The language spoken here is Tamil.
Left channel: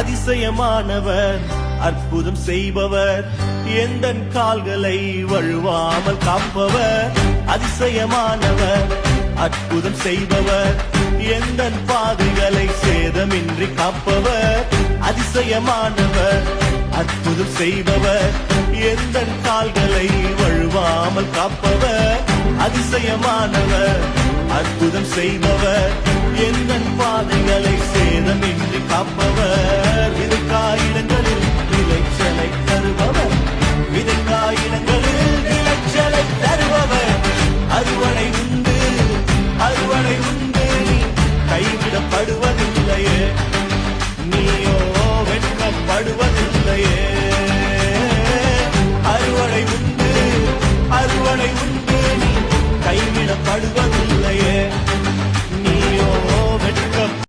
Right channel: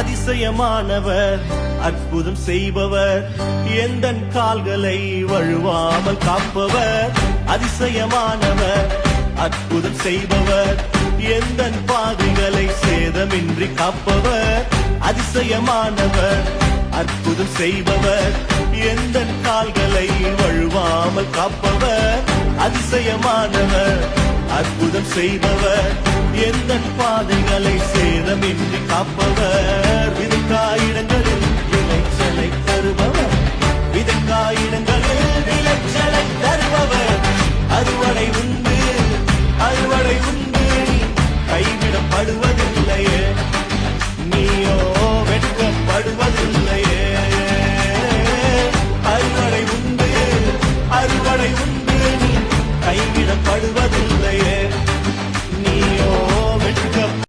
அதிசயமானவர் அற்புதம் செய்பவர் எந்தன் கால்களை வழுவாமல் காப்பவர் அதிசயமானவர் அற்புதம் செய்பவர் எந்தன் பாதைகளை சேதமின்றி காப்பவர் அதிசயமானவர் அற்புதம் செய்பவர் எந்தன் கால்களை வழுவாமல் காப்பவர் அதிசயமானவர் அற்புதம் செய்பவர் எந்தன் பாதைகளை சேதமின்றி காப்பவர் விதைக்காயிடங்களில் விளைச்சலை தருபவர் விதைக்காயிடங்களில் விளைச்சலை தருபவர் அறுவடை உண்டு அறுவடை உண்டு நீ கைவிடப்படுவதில்லையே நீயோ வெட்கப்படுவதில்லையே அறுவடை உண்டு அறுவடை உண்டு நீ கைவிடப்படுவதில்லையே நீயோ வெட்க